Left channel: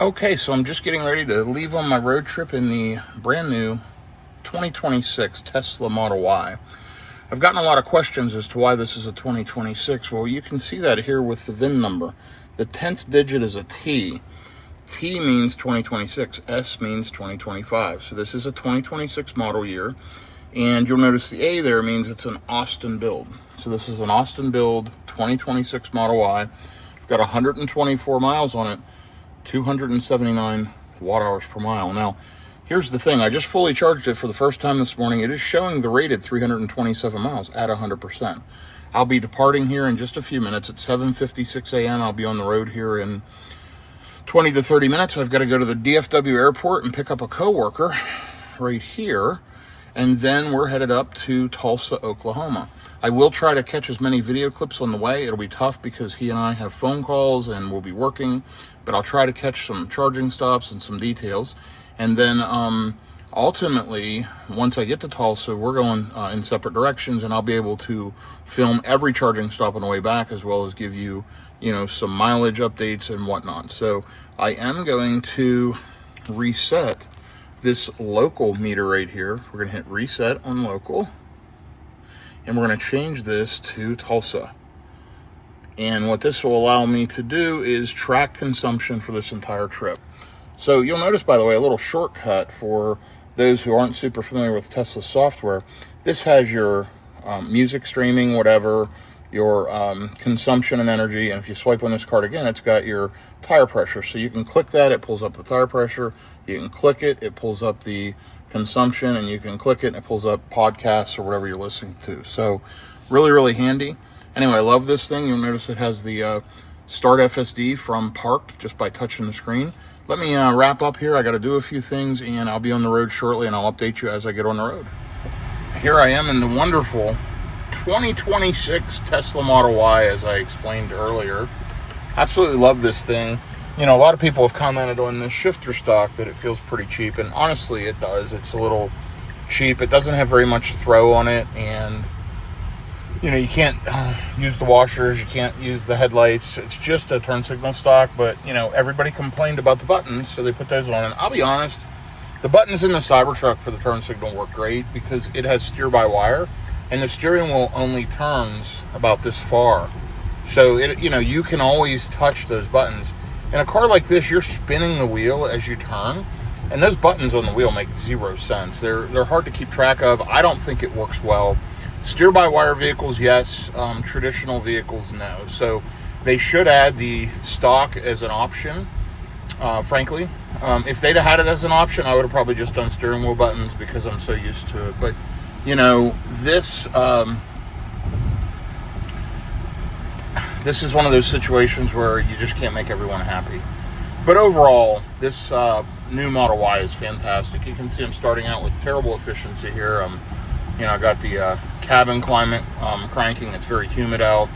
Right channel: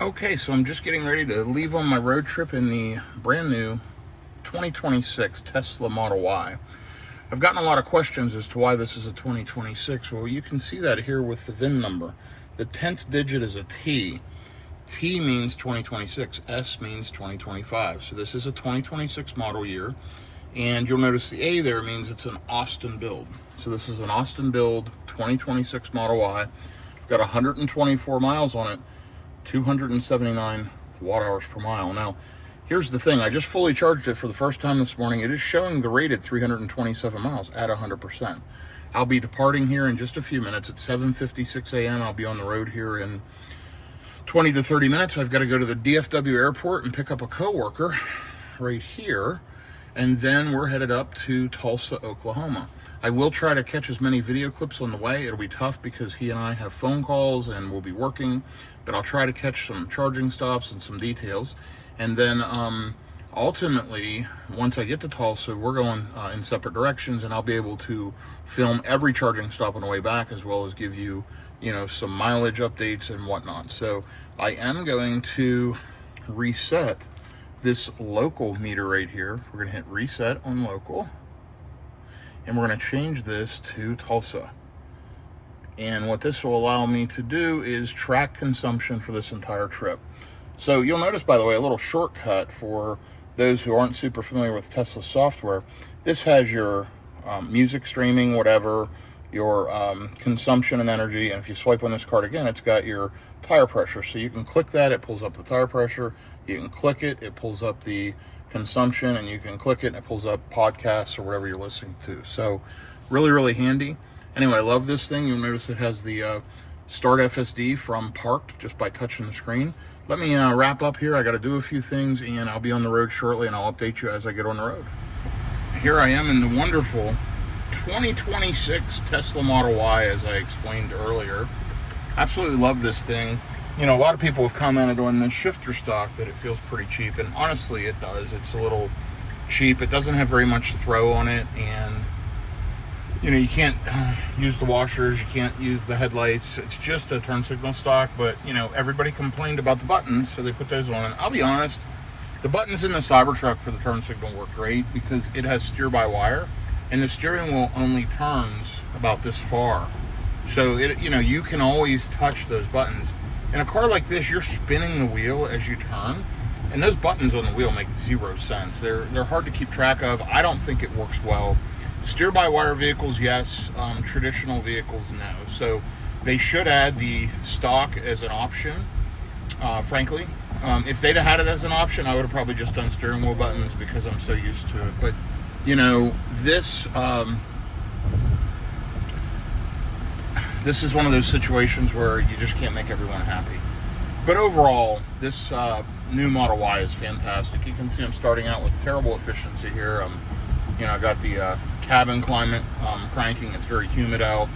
Okay, so I'm just getting ready to leave on my road trip in the brand new 2026 Tesla Model Y. I've gotten a lot of questions as to why this is a 2026. Well, you can see that here with the VIN number. The 10th digit is a T. T means 2026, S means 2025. So this is a 2026 model year. And you'll notice the A there means it's an Austin build. So this is an Austin build 2026 Model Y. It's got 124 miles on it. 279 watt hours per mile. Now, here's the thing. I just fully charged it for the first time this morning. It is showing the rated 327 miles at 100%. I'll be departing here in just a few minutes at 7:56 a.m. I'll be on the road here in 20 to 30 minutes. I've got to go to the DFW airport and pick up a coworker right here. And then we're headed up to Tulsa, Oklahoma. I will try to catch as many video clips on the way. It'll be tough because he and I have phone calls and we'll be working, but I'll try to catch some charging stops and some details. And then ultimately, once I get to Tulsa, we're going in separate directions, and I'll be able to film every charging stop on the way back, as well as give you, some mileage updates and whatnot. So I am going to reset this local meter right here. We're going to hit reset on local. And we're going to change this to Tulsa. And what this will allow me to do is track consumption for this entire trip. So you'll notice, by the way, a little shortcut for those who aren't super familiar with Tesla software. This has your music streaming, whatever, your consumption and energy. And if you swipe on this card again, it's got your tire pressure. So you can click that, it pulls up the tire pressure. You can click it, it pulls up the consumption, and you can click it and it pulls up podcasts or whatever you're listening to. So really, really handy. Anyway, I love this thing. You'll notice it has the Start FSD from Parked just by touching the screen. Let me wrap up here. I got to do a few things, and I'll be on the road shortly, and I'll update you as I get on the road. Here I am in the wonderful 2026 Tesla Model Y, as I explained earlier. Absolutely love this thing. A lot of people have commented on the shifter stock that it feels pretty cheap, and honestly it does. It's a little cheap. It doesn't have very much throw on it, and you can't use the washers, you can't use the headlights. It's just a turn signal stock, but everybody complained about the buttons, so they put those on. And I'll be honest, the buttons in the Cybertruck for the turn signal work great because it has steer-by-wire, and the steering wheel only turns about this far. So you can always touch those buttons. In a car like this, you're spinning the wheel as you turn, and those buttons on the wheel make zero sense. They're hard to keep track of. I don't think it works well. Steer-by-wire vehicles, yes. Traditional vehicles, no. So they should add the stock as an option, frankly. If they'd have had it as an option, I would have probably just done steering wheel buttons because I'm so used to it. But, this is one of those situations where you just can't make everyone happy. But overall, this new Model Y is fantastic. You can see I'm starting out with terrible efficiency here. I got the cabin climate cranking. It's very humid out.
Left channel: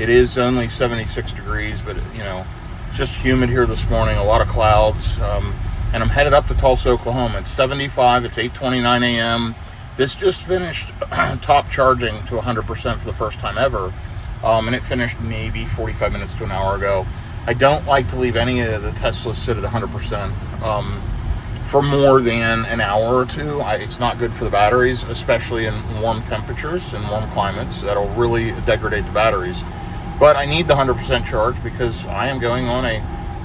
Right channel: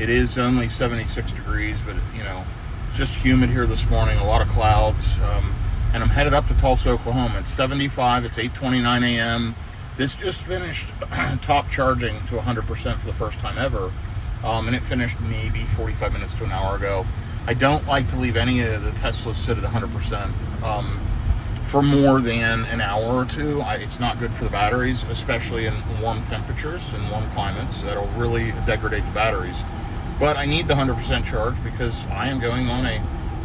It is only 76 degrees, but it's just humid here this morning. A lot of clouds. And I'm headed up to Tulsa, Oklahoma. It's 75. It's 8:29 a.m. This just finished top charging to 100% for the first time ever. And it finished maybe 45 minutes to an hour ago. I don't like to leave any of the Teslas sit at 100% for more than an hour or two. It's not good for the batteries, especially in warm temperatures and warm climates. That'll really degrade the batteries. But I need the 100% charge because I am going on a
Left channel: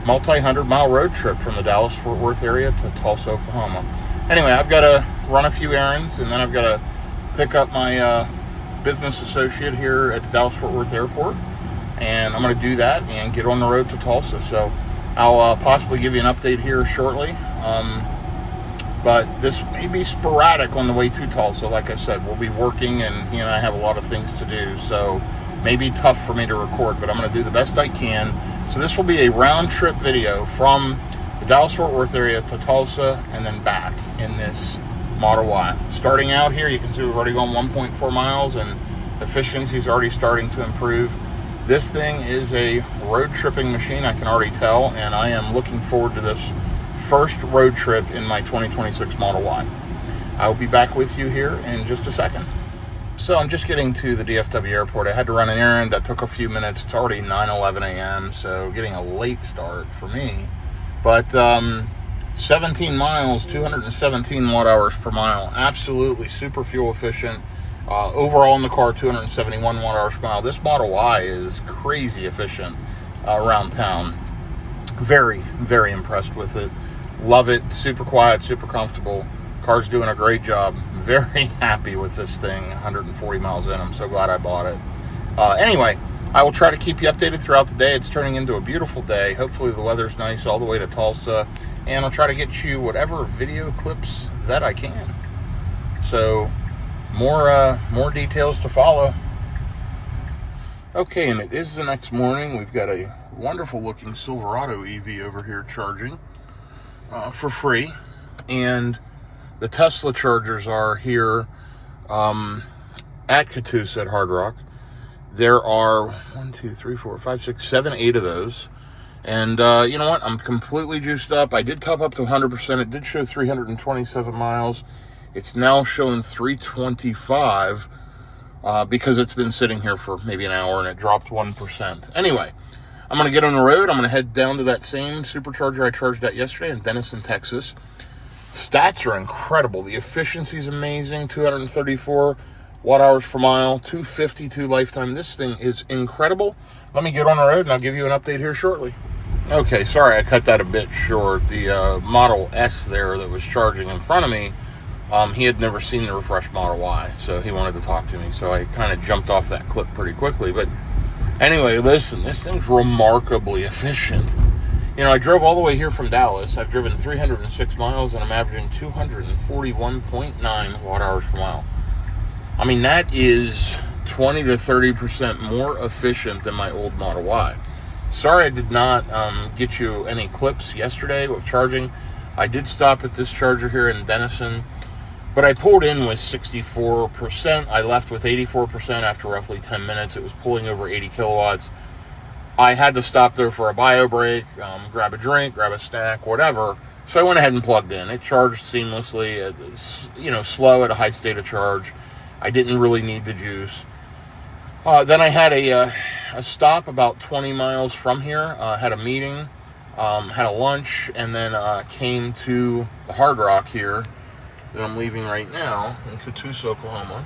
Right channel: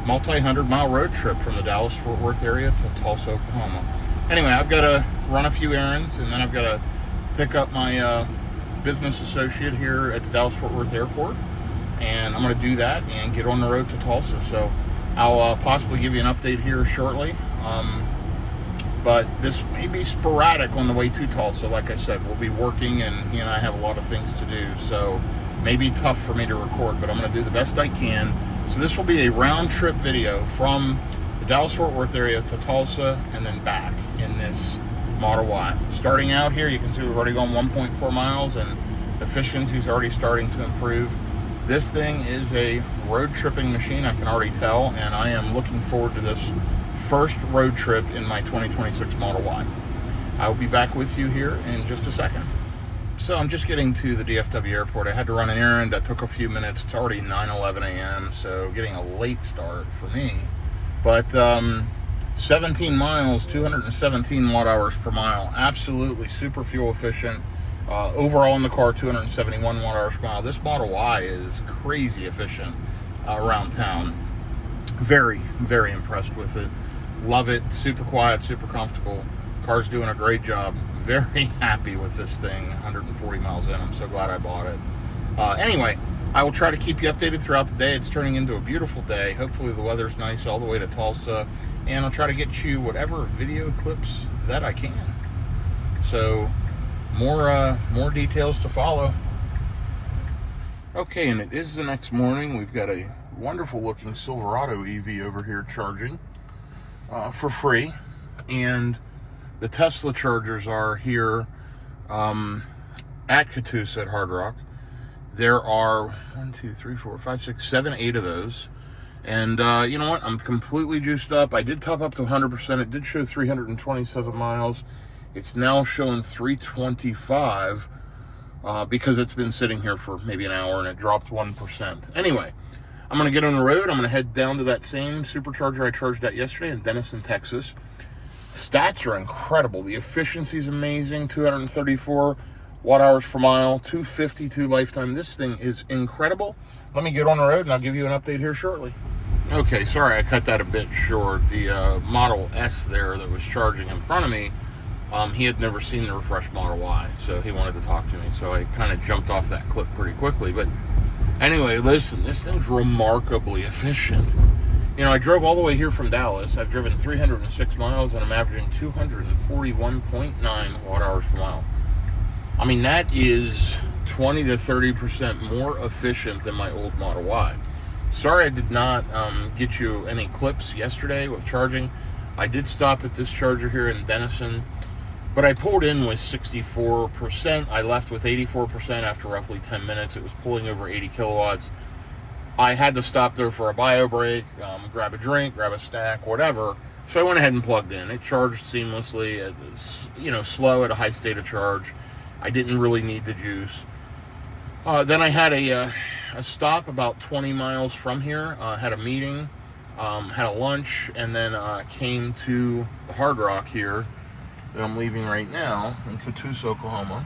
multi-hundred-mile road trip from the Dallas-Fort Worth area to Tulsa, Oklahoma. Anyway, I've got to run a few errands, and then I've got to pick up my business associate here at the Dallas-Fort Worth airport, and I'm going to do that and get on the road to Tulsa. So I'll possibly give you an update here shortly, but this may be sporadic on the way to Tulsa. Like I said, we'll be working, and he and I have a lot of things to do, so it may be tough for me to record, but I'm going to do the best I can. So this will be a round trip video from the Dallas-Fort Worth area to Tulsa and then back in this Model Y. Starting out here, you can see we've already gone 1.4 miles, and efficiency is already starting to improve. This thing is a road tripping machine, I can already tell, and I am looking forward to this first road trip in my 2026 Model Y. I'll be back with you here in just a second. So I'm just getting to the DFW airport. I had to run an errand that took a few minutes. It's already 9:11 a.m., so getting a late start for me. But 17 miles, 217 watt hours per mile. Absolutely super fuel efficient. Overall in the car, 271 watt hours per mile. This Model Y is crazy efficient around town. Very, very impressed with it. Love it. Super quiet, super comfortable. Car's doing a great job. Very happy with this thing. 140 miles in. I'm so glad I bought it. Anyway, I will try to keep you updated throughout the day. It's turning into a beautiful day. Hopefully the weather's nice all the way to Tulsa. And I'll try to get you whatever video clips that I can. So, more details to follow. Okay, and it is the next morning. We've got a wonderful looking Silverado EV over here charging for free. And the Tesla chargers are here at Tulsa at Hard Rock. There are 1, 2, 3, 4, 5, 6, 7, 8 of those. And you know what? I'm completely juiced up. I did top up to 100%. It did show 327 miles. It's now showing 325 because it's been sitting here for maybe an hour and it dropped 1%. Anyway, I'm going to get on the road. I'm going to head down to that same supercharger I charged at yesterday in Denison, Texas. Stats are incredible. The efficiency is amazing. 234 watt hours per mile, 252 lifetime. This thing is incredible. Let me get on the road and I'll give you an update here shortly. Okay, sorry I cut that a bit short. The Model S there that was charging in front of me, he had never seen the refreshed Model Y, so he wanted to talk to me. So I kind of jumped off that clip pretty quickly. But anyway, listen, this thing's remarkably efficient. You know, I drove all the way here from Dallas. I've driven 306 miles, and I'm averaging 241.9 watt hours per mile. I mean, that is 20 to 30% more efficient than my old Model Y. Sorry I did not get you any clips yesterday of charging. I did stop at this charger here in Denison, but I pulled in with 64%. I left with 84% after roughly 10 minutes. It was pulling over 80 kilowatts. I had to stop there for a bio break, grab a drink, grab a snack, whatever. So I went ahead and plugged in. It charged seamlessly. It's, you know, slow at a high state of charge. I didn't really need the juice. Then I had a stop about 20 miles from here. Had a meeting, had a lunch, and then came to the Hard Rock here that I'm leaving right now in Tulsa, Oklahoma,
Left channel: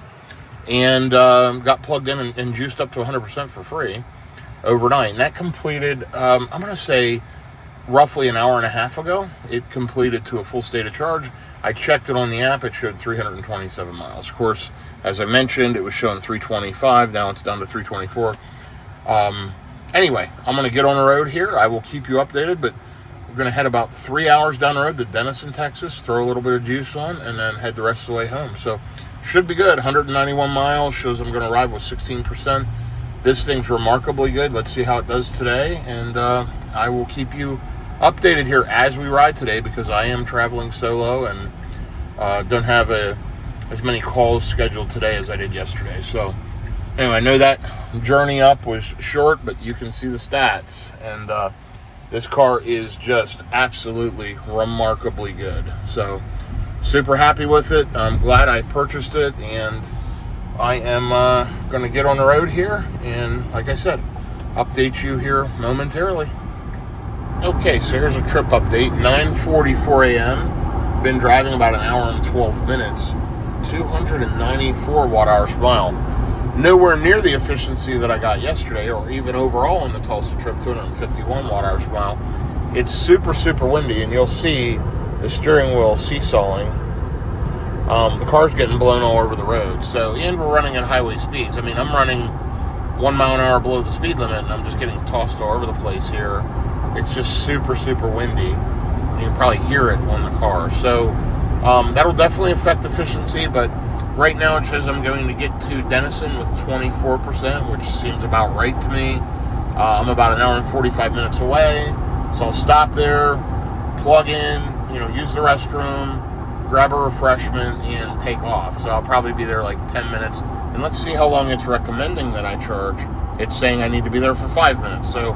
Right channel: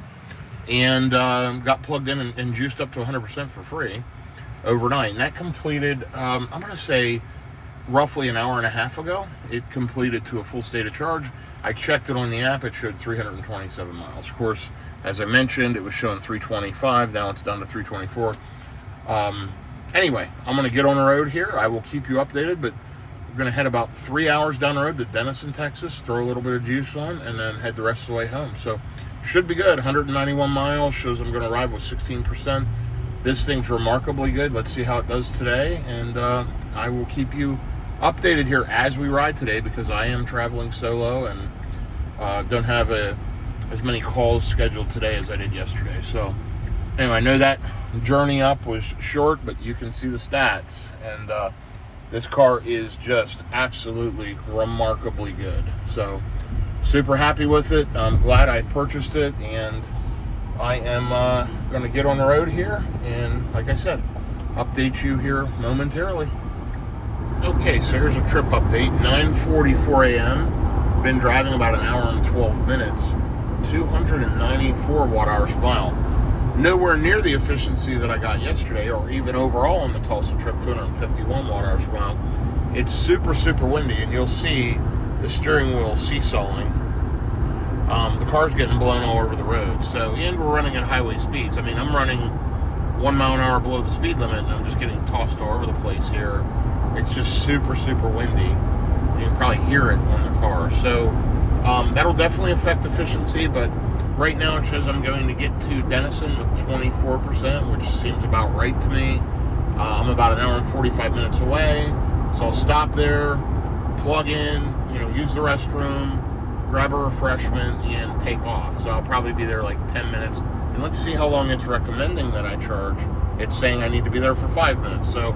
and got plugged in and juiced up to 100% for free overnight. And that completed, I'm going to say, roughly an hour and a half ago. It completed to a full state of charge. I checked it on the app. It showed 327 miles. Of course, as I mentioned, it was showing 325. Now it's down to 324. Anyway, I'm going to get on the road here. I will keep you updated, but we're going to head about 3 hours down the road to Denison, Texas, throw a little bit of juice on, and then head the rest of the way home. So, should be good. 191 miles, shows I'm going to arrive with 16%. This thing's remarkably good. Let's see how it does today, and I will keep you updated here as we ride today because I am traveling solo and don't have as many calls scheduled today as I did yesterday. So, anyway, I know that journey up was short, but you can see the stats, and this car is just absolutely remarkably good. So, super happy with it. I'm glad I purchased it, and I am going to get on the road here, and like I said, update you here momentarily. Okay, so here's a trip update. 9:44 a.m. Been driving about an hour and 12 minutes. 294 watt hours per mile. Nowhere near the efficiency that I got yesterday, or even overall on the Tulsa trip, 251 watt hours per mile. It's super, super windy, and you'll see the steering wheel seesawing. The car's getting blown all over the road. So, and we're running at highway speeds. I mean, I'm running 1 mile an hour below the speed limit, and I'm just getting tossed all over the place here. It's just super, super windy. You can probably hear it on the car. So, that'll definitely affect efficiency, but right now it says I'm going to get to Denison with 24%, which seems about right to me. I'm about an hour and 45 minutes away, so I'll stop there, plug in, use the restroom, grab a refreshment, and take off. So I'll probably be there like 10 minutes, and let's see how long it's recommending that I charge. It's saying I need to be there for 5 minutes, so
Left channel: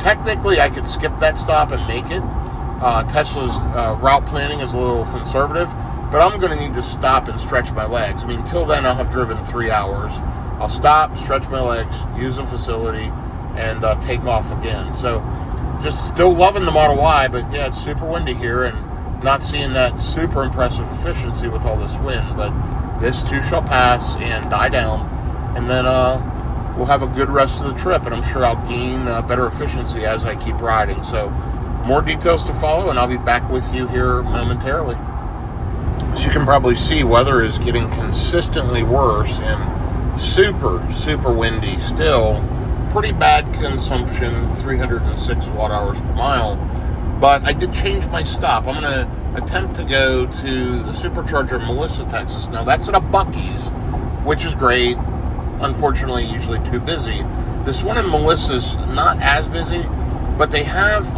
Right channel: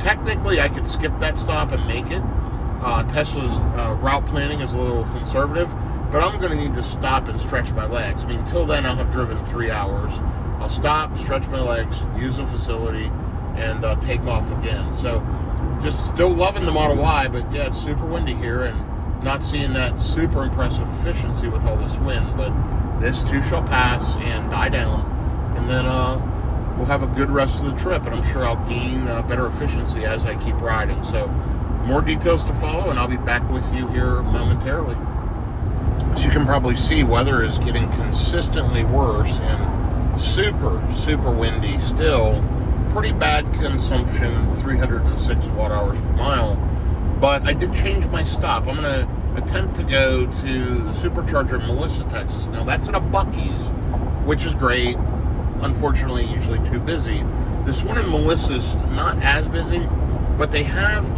technically I could skip that stop and make it. Tesla's route planning is a little conservative, but I'm going to need to stop and stretch my legs. I mean, until then, I'll have driven 3 hours. I'll stop, stretch my legs, use the facility, and take off again. So just still loving the Model Y, but yeah, it's super windy here and not seeing that super impressive efficiency with all this wind. But this too shall pass and die down, and then we'll have a good rest of the trip, and I'm sure I'll gain better efficiency as I keep riding. So more details to follow, and I'll be back with you here momentarily. As you can probably see, weather is getting consistently worse and super, super windy still. Pretty bad consumption, 306 watt hours per mile. But I did change my stop. I'm going to attempt to go to the supercharger in Melissa, Texas. Now, that's at a Buc-ee's, which is great. Unfortunately, usually too busy. This one in Melissa's not as busy, but they have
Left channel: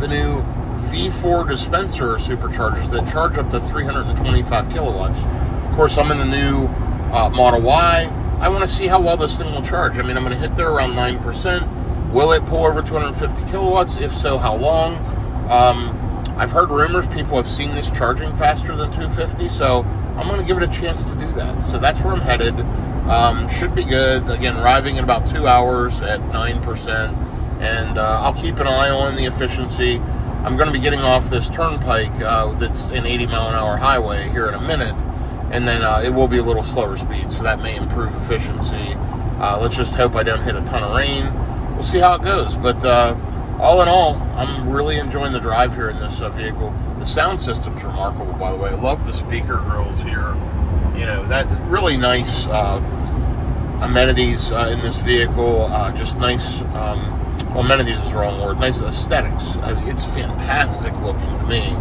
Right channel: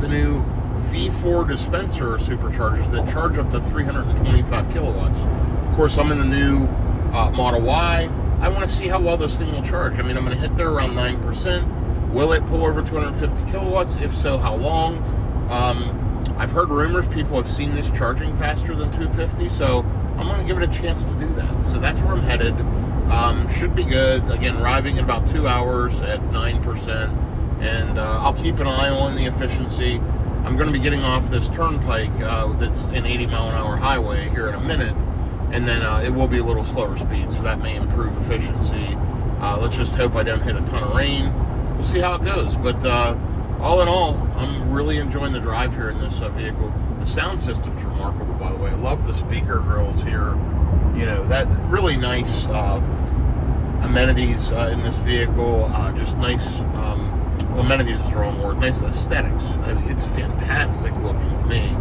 the new V4 dispenser superchargers that charge up to 325 kilowatts. Of course, I'm in the new Model Y. I want to see how well this thing will charge. I mean, I'm going to hit there around 9%. Will it pull over 250 kilowatts? If so, how long? I've heard rumors people have seen this charging faster than 250, so I'm going to give it a chance to do that. So that's where I'm headed. Should be good. Again, arriving in about 2 hours at 9%, and I'll keep an eye on the efficiency. I'm going to be getting off this turnpike that's an 80-mile-an-hour highway here in a minute, and then it will be a little slower speed, so that may improve efficiency. Let's just hope I don't hit a ton of rain. We'll see how it goes, but all in all, I'm really enjoying the drive here in this vehicle. The sound system's remarkable, by the way. I love the speaker grills here. You know, that really nice amenities in this vehicle. Just nice, amenities is the wrong word. Nice aesthetics. I mean, it's fantastic looking to me.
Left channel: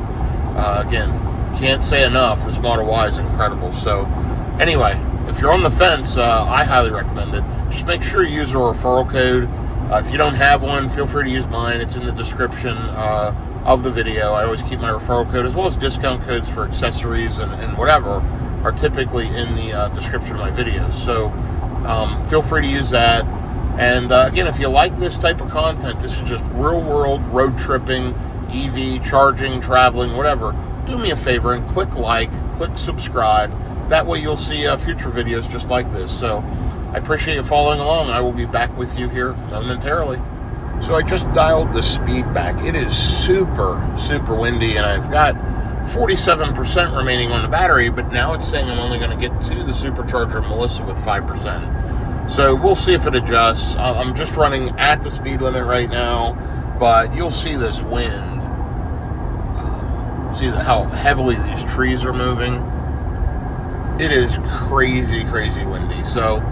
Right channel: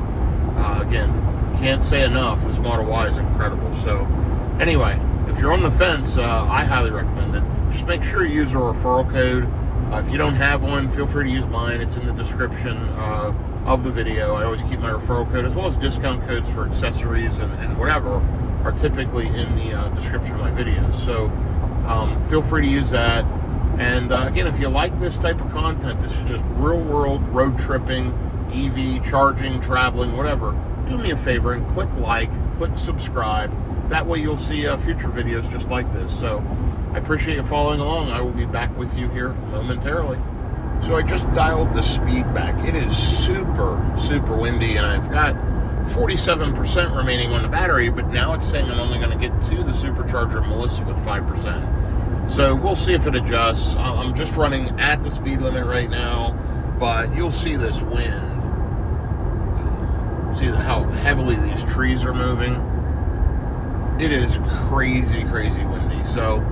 Again, can't say enough. This Model Y is incredible. So, anyway, if you're on the fence, I highly recommend it. Just make sure you use a referral code. If you don't have one, feel free to use mine. It's in the description of the video. I always keep my referral code, as well as discount codes for accessories and whatever are typically in the description of my videos. So feel free to use that. And again, if you like this type of content, this is just real-world road tripping, EV, charging, traveling, whatever, do me a favor and click like, click subscribe. That way you'll see future videos just like this. So I appreciate you following along. I will be back with you here momentarily. So I just dialed the speed back. It is super, super windy, and I've got 47% remaining on the battery, but now it's saying I'm only going to get to the supercharger of Melissa with 5%. So we'll see if it adjusts. I'm just running at the speed limit right now, but you'll see this wind. See how heavily these trees are moving? It is crazy, crazy windy. So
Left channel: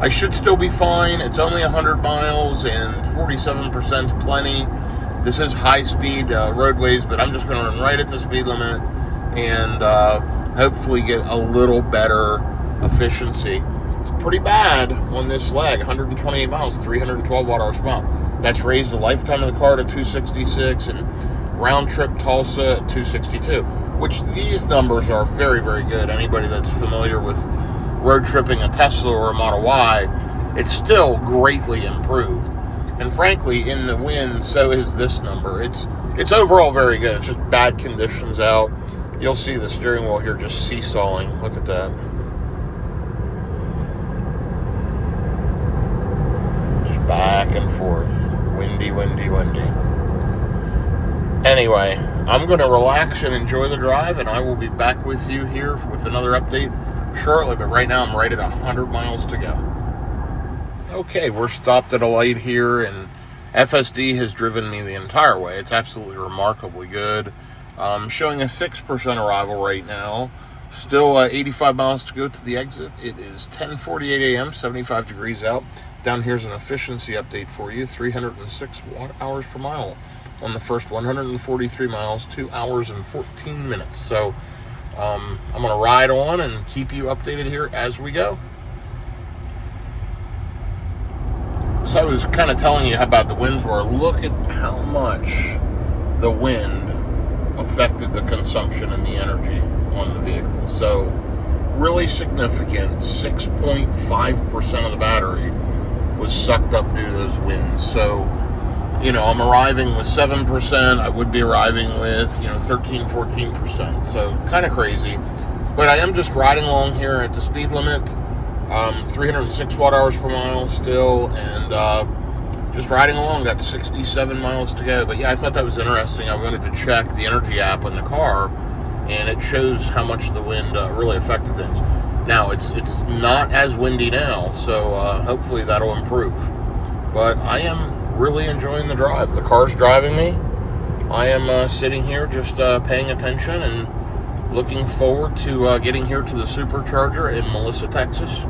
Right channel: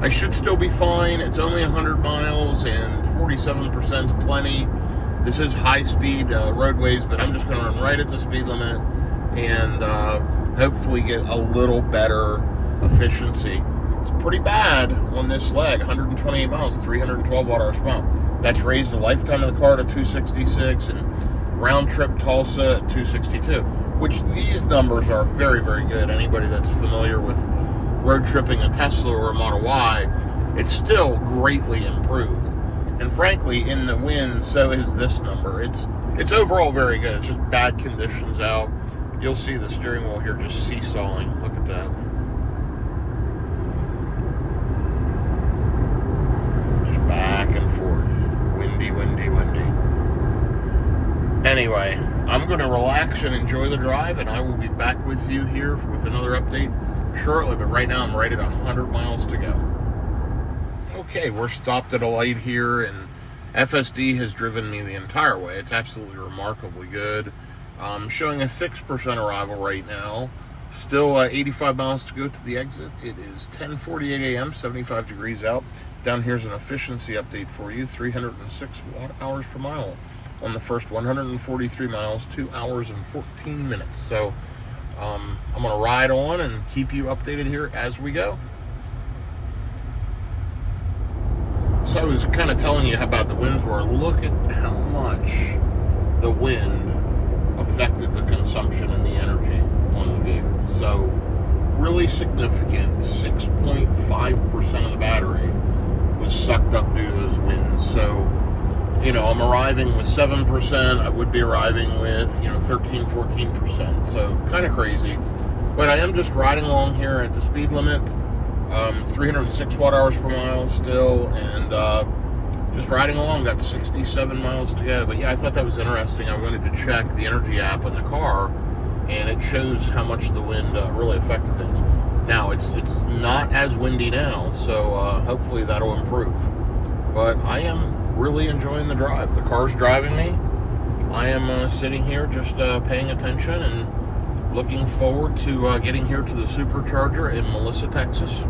I should still be fine. It's only 100 miles and 47% is plenty. This is high-speed roadways, but I'm just going to run right at the speed limit and hopefully get a little better efficiency. It's pretty bad on this leg, 128 miles, 312 watt-hours per mile. That's raised the lifetime of the car to 266 and round-trip Tulsa at 262, which these numbers are very, very good. Anybody that's familiar with road tripping a Tesla or a Model Y, it's still greatly improved. And frankly, in the wind, so is this number. It's overall very good. It's just bad conditions out. You'll see the steering wheel here just seesawing. Look at that. Just back and forth. Windy, windy, windy. Anyway, I'm going to relax and enjoy the drive, and I will be back with you here with another update shortly. But right now, I'm right at 100 miles to go. Okay, we're stopped at a light here, and FSD has driven me the entire way. It's absolutely remarkably good. Showing a 6% arrival right now. Still 85 miles to go to the exit. It is 10:48 a.m., 75 degrees out. Down here's an efficiency update for you. 306 watt-hours per mile on the first 143 miles, 2 hours and 14 minutes. So I'm going to ride on and keep you updated here as we go. So I was kind of telling you how bad the winds were. Look at how much the wind affected the consumption and the energy on the vehicle. So really significant. 6.5% of the battery was sucked up due to those winds. So, you know, I'm arriving with 7%. I would be arriving with, 13, 14%. So kind of crazy. But I am just riding along here at the speed limit. 306 watt-hours per mile still, and just riding along, got 67 miles to go. But yeah, I thought that was interesting. I wanted to check the energy app on the car, and it shows how much the wind really affected things. Now, it's not as windy now, so hopefully that'll improve. But I am really enjoying the drive. The car's driving me. I am sitting here just paying attention and looking forward to getting here to the supercharger in Melissa, Texas.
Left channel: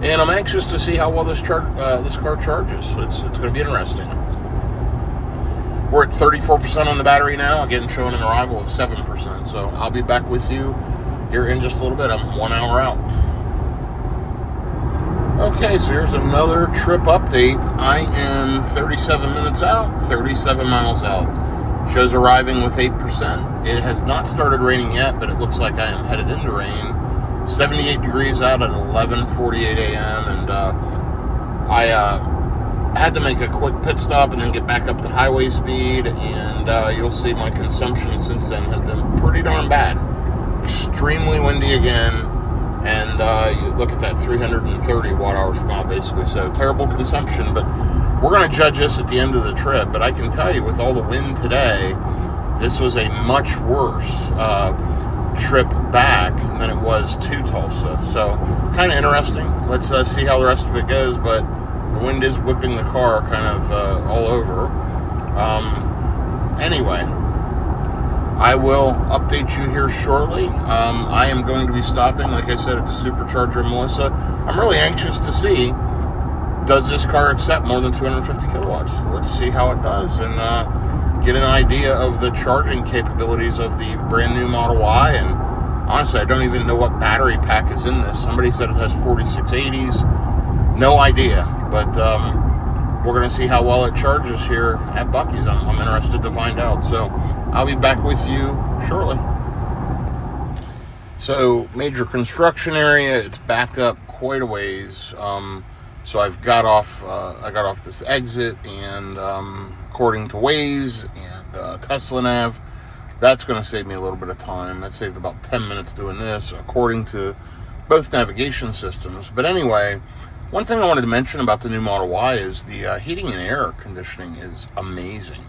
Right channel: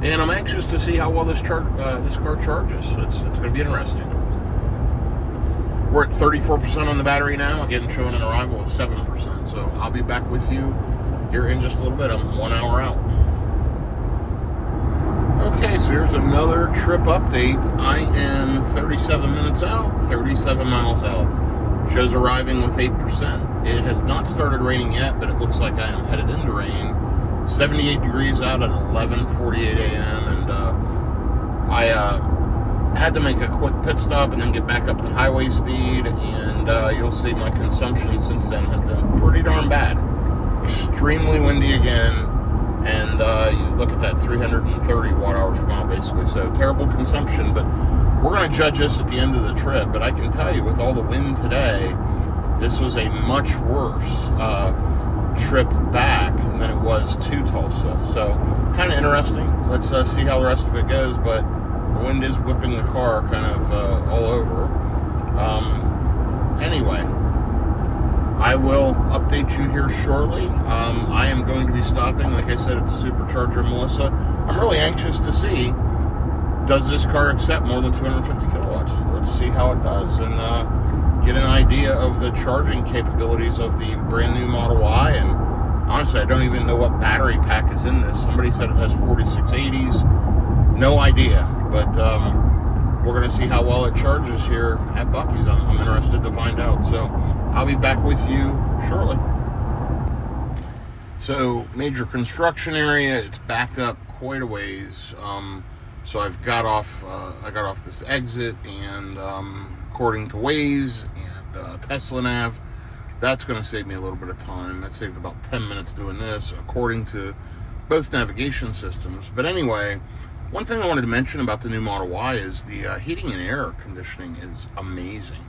And I'm anxious to see how well this car charges. It's going to be interesting. We're at 34% on the battery now, again showing an arrival of 7%. So I'll be back with you here in just a little bit. I'm 1 hour out. Okay, so here's another trip update. I am 37 minutes out, 37 miles out. Shows arriving with 8%. It has not started raining yet, but it looks like I am headed into rain. 78 degrees out at 11:48 a.m. and I had to make a quick pit stop and then get back up to highway speed, and you'll see my consumption since then has been pretty darn bad. Extremely windy again, and you look at that, 330 watt hours per mile basically, so terrible consumption. But we're going to judge this at the end of the trip. But I can tell you, with all the wind today, this was a much worse trip back than it was to Tulsa. So kind of interesting. Let's see how the rest of it goes. But the wind is whipping the car kind of all over. Anyway, I will update you here shortly. I am going to be stopping, like I said, at the supercharger in Melissa. I'm really anxious to see, does this car accept more than 250 kilowatts? Let's see how it does, and get an idea of the charging capabilities of the brand new Model Y. And honestly, I don't even know what battery pack is in this. Somebody said it has 4680s. No idea, but we're going to see how well it charges here at Buc-ee's. I'm interested to find out. So I'll be back with you shortly. So major construction area. It's backed up quite a ways. So I got off this exit, and according to Waze and Tesla Nav, that's going to save me a little bit of time. That saved about 10 minutes doing this, according to both navigation systems. But anyway, one thing I wanted to mention about the new Model Y is the heating and air conditioning is amazing.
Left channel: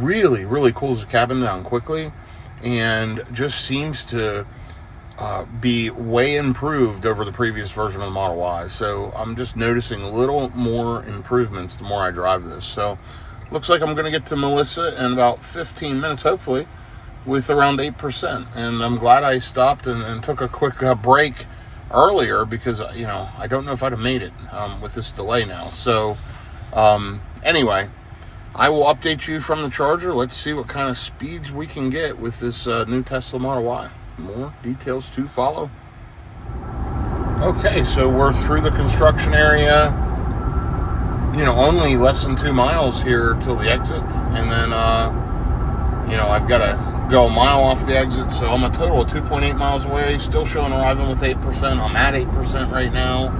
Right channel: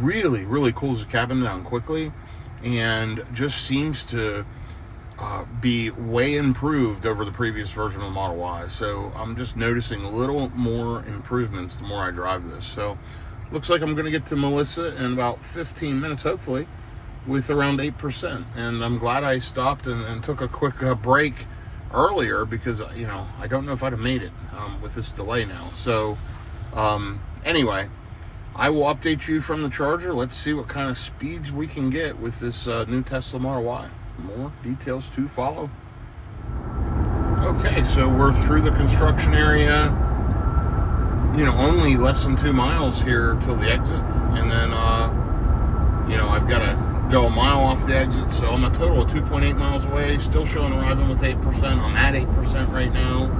Really, really cools the cabin down quickly, and just seems to be way improved over the previous version of the Model Y. So I'm just noticing a little more improvements the more I drive this. So looks like I'm going to get to Melissa in about 15 minutes, hopefully, with around 8%. And I'm glad I stopped and took a quick break earlier, because, you know, I don't know if I'd have made it with this delay now. So anyway, I will update you from the charger. Let's see what kind of speeds we can get with this new Tesla Model Y. More details to follow. Okay, so we're through the construction area. You know, only less than 2 miles here till the exit, and then you know, I've got to go a mile off the exit, so I'm a total of 2.8 miles away. Still showing arriving with 8%. I'm at 8% right now.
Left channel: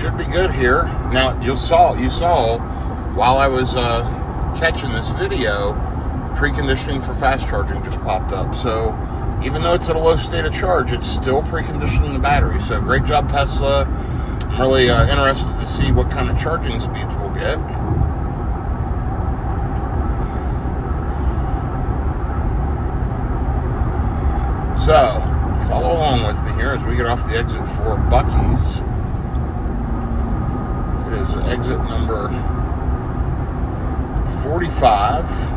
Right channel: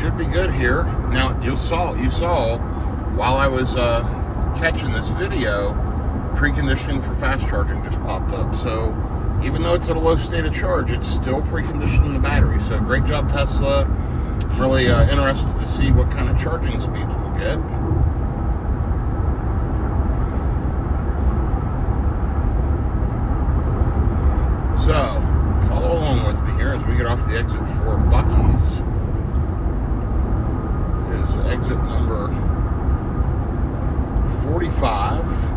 Should be good here. Now you saw while I was catching this video, preconditioning for fast charging just popped up. So even though it's at a low state of charge, it's still preconditioning the battery. So great job, Tesla. I'm really interested to see what kind of charging speeds we'll get. So follow along with me here as we get off the exit for Buc-ee's. It is exit number 45.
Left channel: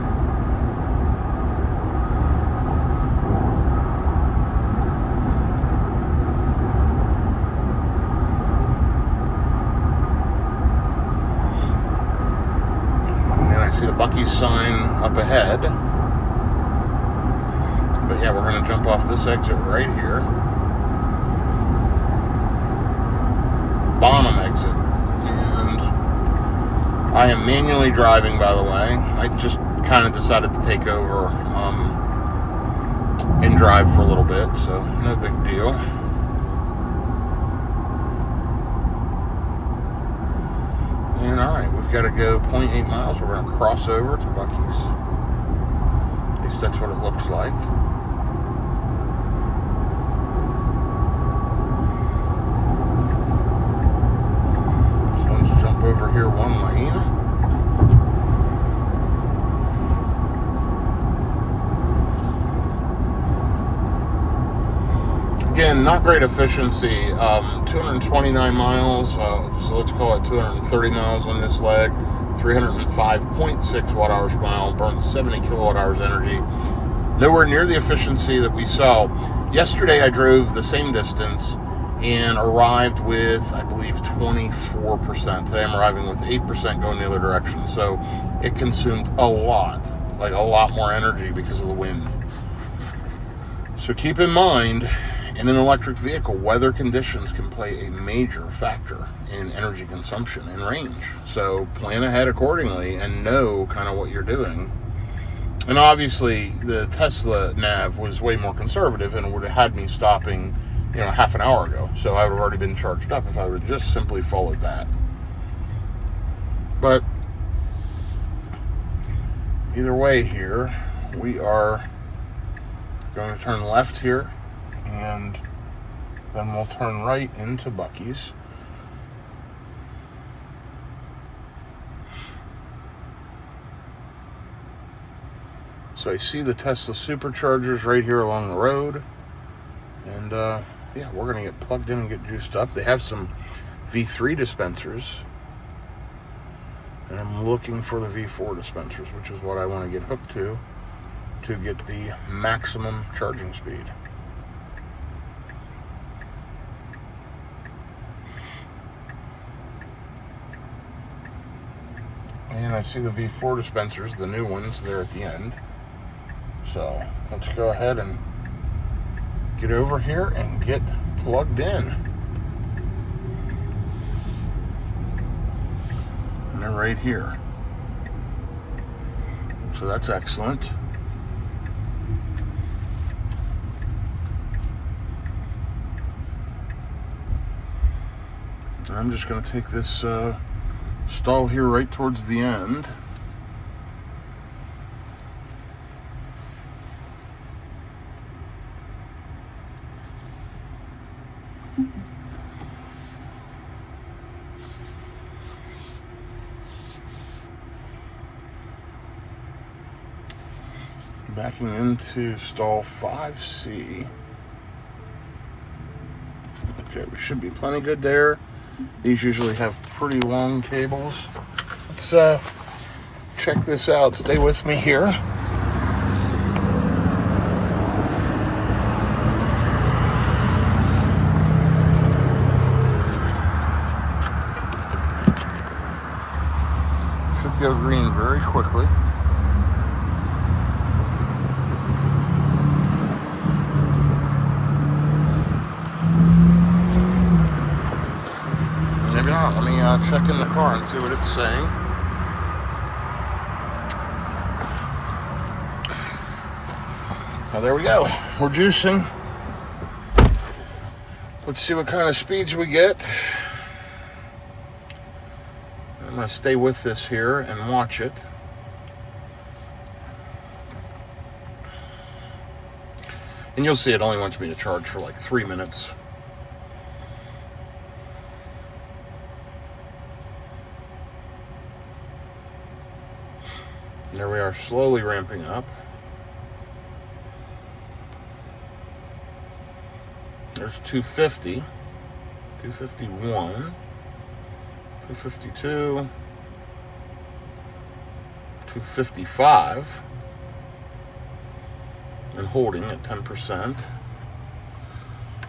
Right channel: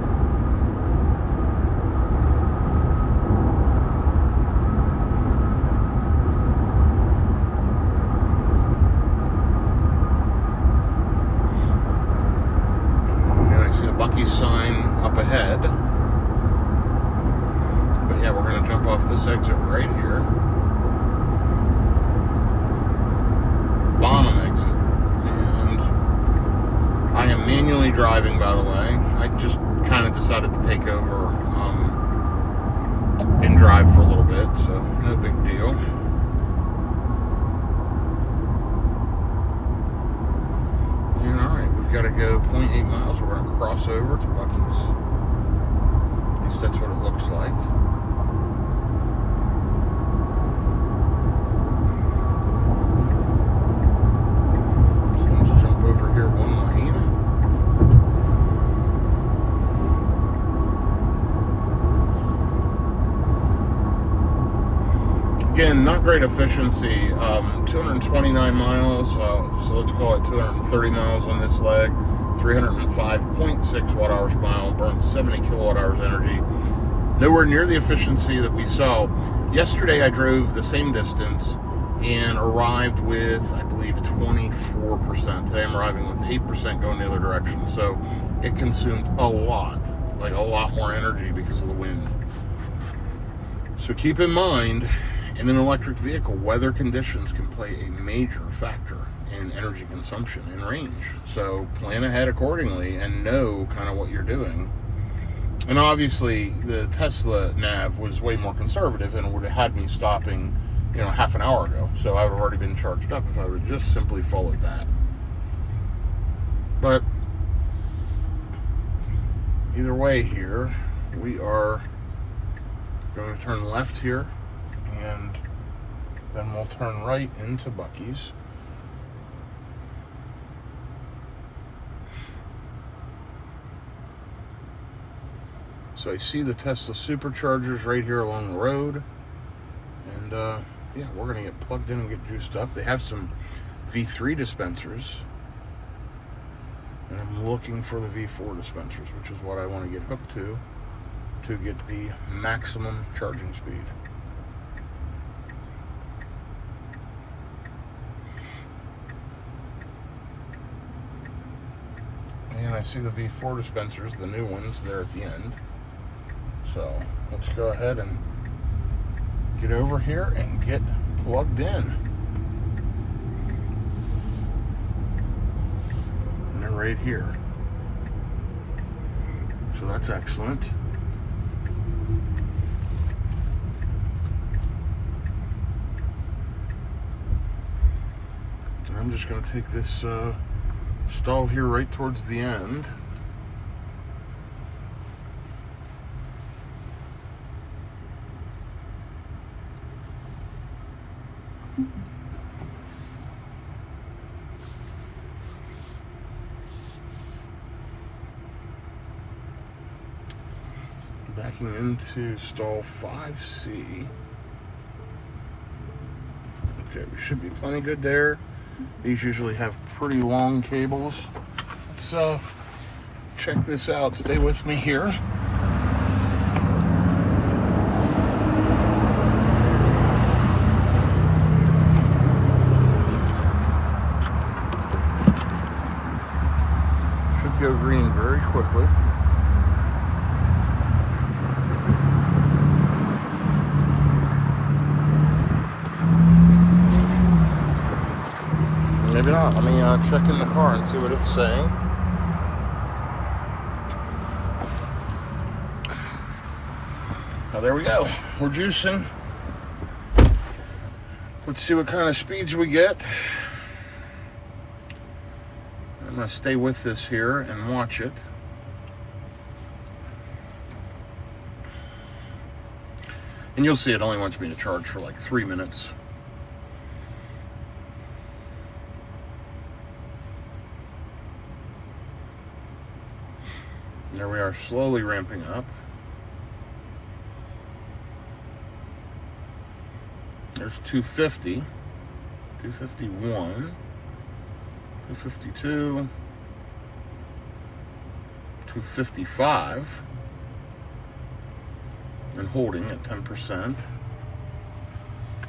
Buc-ee's sign up ahead. But yeah, we're going to jump off this exit right here. Bottom exit. And I am manually driving, by the way. I just kind of decided to take over and drive for a little bit, so no big deal. And alright, we've got to go 0.8 miles. We're going to cross over to Buc-ee's. At least that's what it looks like. So let's jump over here again, not great efficiency. 229 miles, so let's call it 230 miles on this leg. 305.6 watt hours per mile, burnt 70 kilowatt hours energy. Nowhere near the efficiency that we saw. Yesterday I drove the same distance and arrived with, I believe, 24%. Today I'm arriving with 8% going the other direction. So it consumed a lot more energy because of the wind. So keep in mind, in an electric vehicle, weather conditions can play a major factor in energy consumption and range. So plan ahead accordingly and know kind of what you're doing. And obviously the Tesla nav was way more conservative and would have had me stopping, half an hour ago. So I would have already been charged up if I would have just simply followed that. But either way here, we are going to turn left here, and then we'll turn right into Buc-ee's. So I see the Tesla superchargers right here along the road. And yeah, we're going to get plugged in and get juiced up. They have some V3 dispensers. And I'm looking for the V4 dispensers, which is what I want to get hooked to get the maximum charging speed. And I see the V4 dispensers, the new ones, there at the end. So let's go ahead and get over here and get plugged in. And they're right here. So that's excellent. And I'm just going to take this stall here right towards the end. Backing into stall 5C. Okay, we should be plenty good there. These usually have pretty long cables. Let's check this out. Stay with me here. Should go green very quickly. Maybe not. Let me check in the car and see what it's saying. Now there we go. We're juicing. Let's see what kind of speeds we get. I'm going to stay with this here and watch it. And you'll see it only wants me to charge for like 3 minutes. There we are, slowly ramping up. There's 250, 251, 252, 255, and holding at 10%.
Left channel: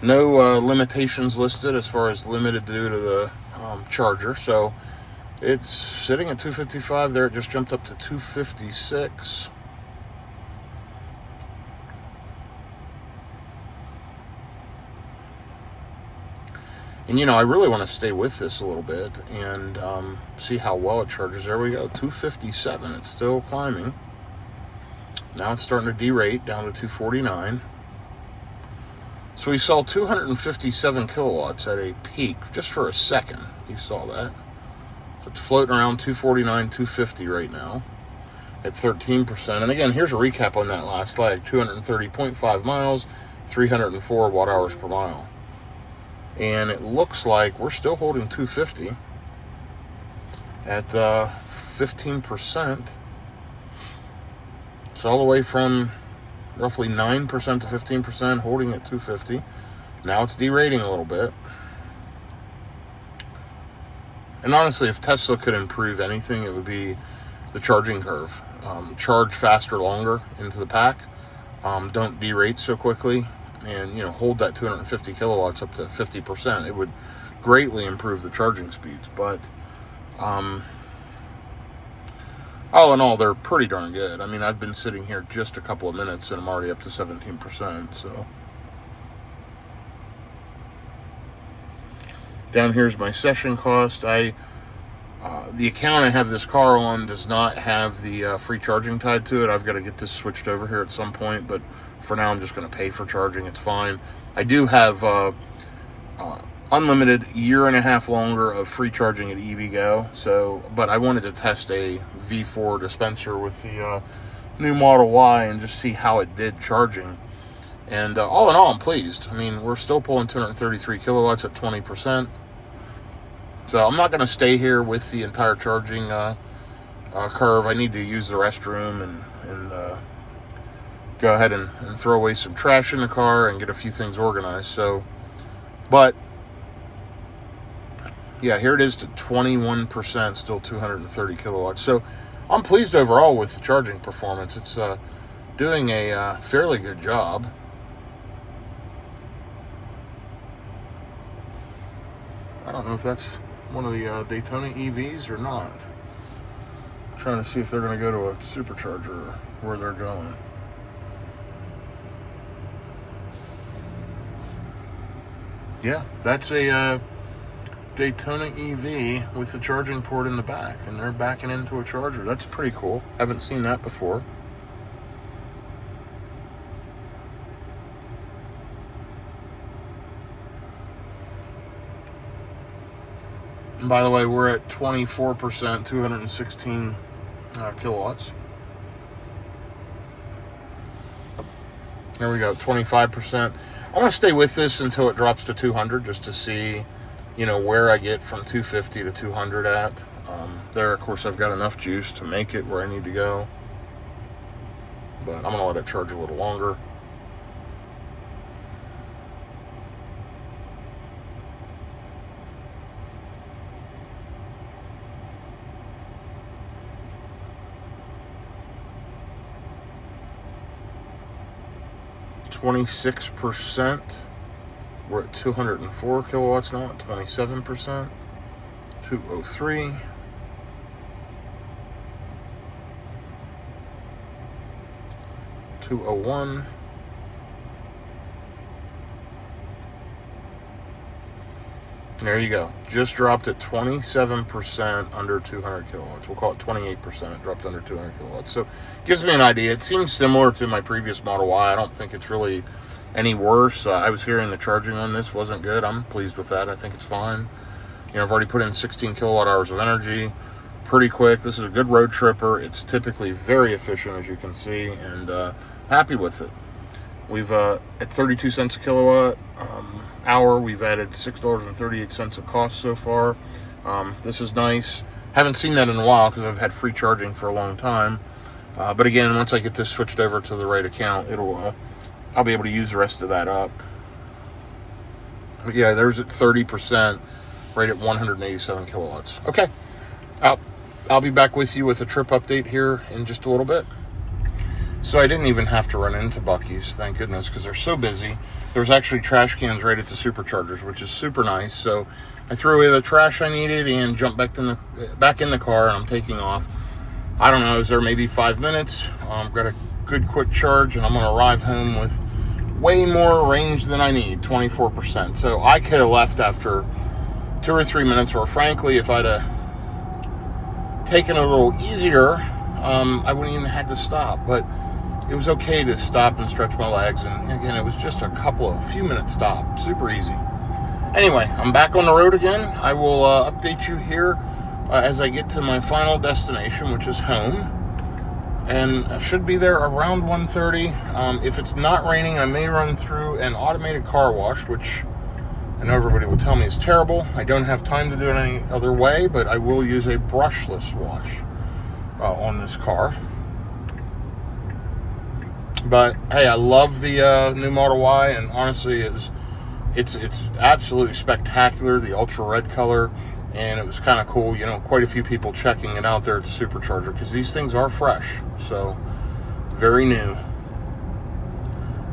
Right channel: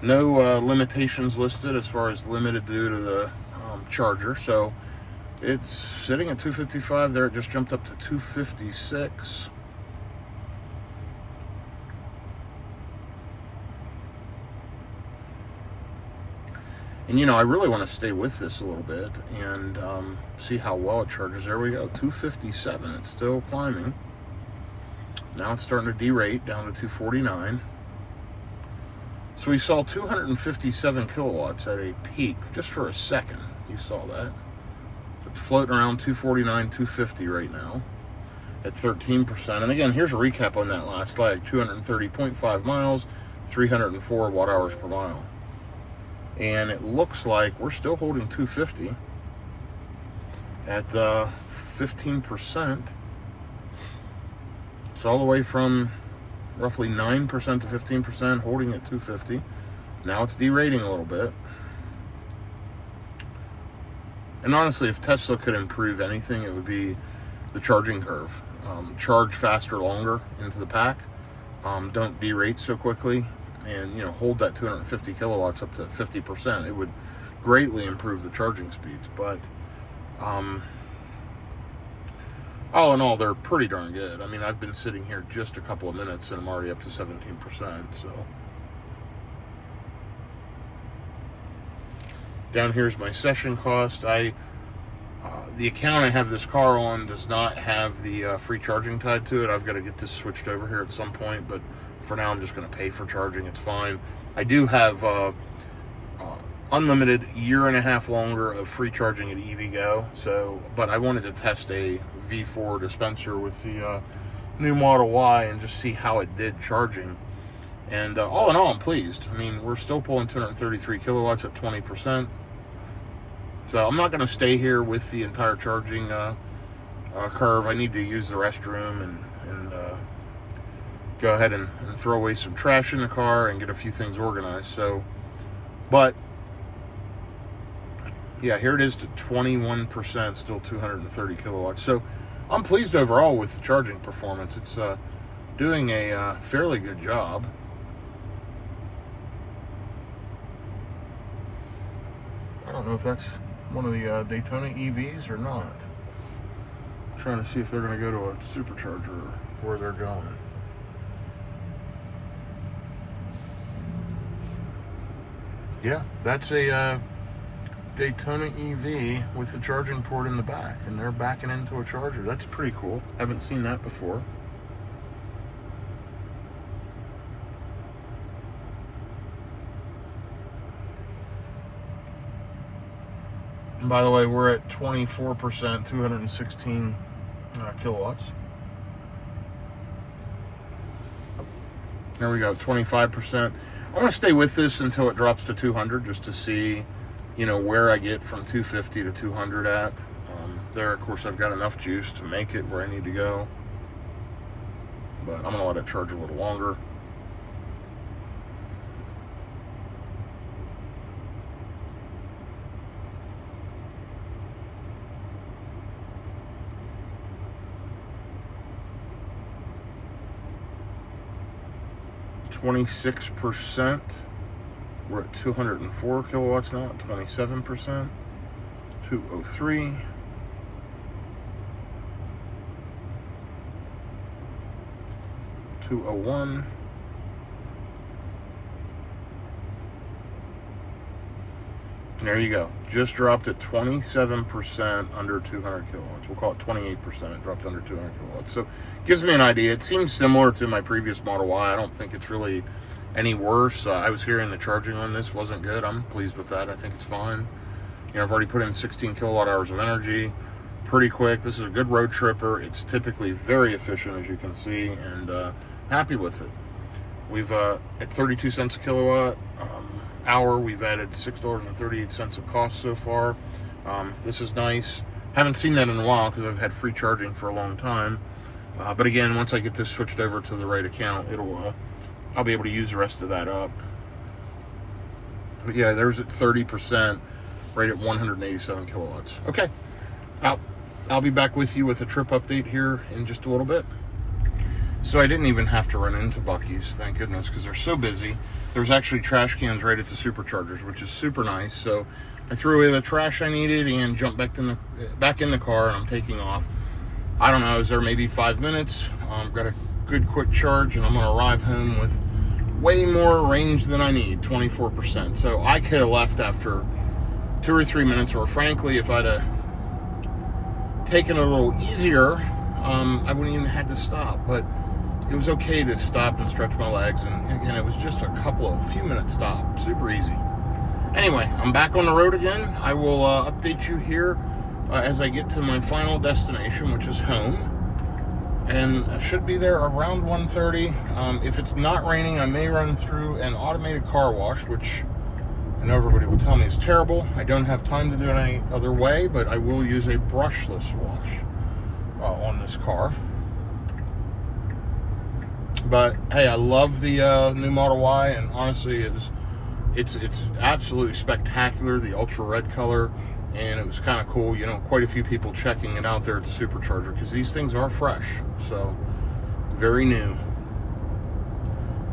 No limitations listed as far as limited due to the charger, so it's sitting at 255 there. It just jumped up to 256. And I really want to stay with this a little bit and see how well it charges. There we go, 257. It's still climbing. Now it's starting to derate down to 249. So we saw 257 kilowatts at a peak just for a second. You saw that. So it's floating around 249, 250 right now at 13%. And again, here's a recap on that last leg. 230.5 miles, 304 watt hours per mile. And it looks like we're still holding 250 at 15%. It's all the way from roughly 9% to 15%, holding at 250. Now it's derating a little bit. And honestly, if Tesla could improve anything, it would be the charging curve. Charge faster, longer into the pack. Don't derate so quickly, and hold that 250 kilowatts up to 50%. It would greatly improve the charging speeds. But all in all, they're pretty darn good. I mean, I've been sitting here just a couple of minutes and I'm already up to 17%. So down here's my session cost. The account I have this car on does not have the free charging tied to it. I've got to get this switched over here at some point, but for now I'm just going to pay for charging. It's fine. I do have unlimited 1.5 years longer of free charging at EVgo. But I wanted to test a V4 dispenser with the new Model Y and just see how it did charging. And all in all, I'm pleased. I mean, we're still pulling 233 kilowatts at 20%. So I'm not going to stay here with the entire charging curve. I need to use the restroom and go ahead and throw away some trash in the car and get a few things organized. But yeah, here it is to 21%, still 230 kilowatts. So I'm pleased overall with the charging performance. It's doing a fairly good job. I don't know if that's one of the Daytona EVs or not. I'm trying to see if they're going to go to a supercharger or where they're going. Yeah, that's a Daytona EV with the charging port in the back, and they're backing into a charger. That's pretty cool. Haven't seen that before. And by the way, we're at 24%, 216 kilowatts. There we go, 25%. I want to stay with this until it drops to 200 just to see, where I get from 250 to 200 at. There, of course, I've got enough juice to make it where I need to go. But I'm going to let it charge a little longer. %. We're at 204 kilowatts now at 27%. 203. 201. There you go. Just dropped at 27% under 200 kilowatts. We'll call it 28%. It dropped under 200 kilowatts. So gives me an idea. It seems similar to my previous Model Y. I don't think it's really any worse. I was hearing the charging on this wasn't good. I'm pleased with that. I think it's fine. I've already put in 16 kilowatt hours of energy. Pretty quick. This is a good road tripper. It's typically very efficient, as you can see, and happy with it. We've at 32 cents a kilowatt hour, we've added $6.38 of cost so far. This is nice. Haven't seen that in a while because I've had free charging for a long time. But again, once I get this switched over to the right account, I'll be able to use the rest of that up. But yeah, there's at 30%, right at 187 kilowatts. Okay, I'll be back with you with a trip update here in just a little bit. So I didn't even have to run into Buc-ee's, thank goodness, because they're so busy. There's actually trash cans right at the superchargers, which is super nice. So I threw away the trash I needed and jumped back in the car, and I'm taking off. I don't know, is there maybe 5 minutes? Got a good quick charge, and I'm going to arrive home with way more range than I need, 24%. So I could have left after 2 or 3 minutes, or frankly, if I'd have taken it a little easier, I wouldn't even have had to stop. But it was okay to stop and stretch my legs, and again, it was just a few minute stop, super easy. Anyway, I'm back on the road again. I will update you here as I get to my final destination, which is home, and I should be there around 1:30. If it's not raining, I may run through an automated car wash, which I know everybody will tell me is terrible. I don't have time to do it any other way, but I will use a brushless wash on this car. But hey, I love the new Model Y, and honestly, it's absolutely spectacular, the ultra red color, and it was kind of cool. You know, quite a few people checking it out there at the supercharger because these things are fresh, so very new.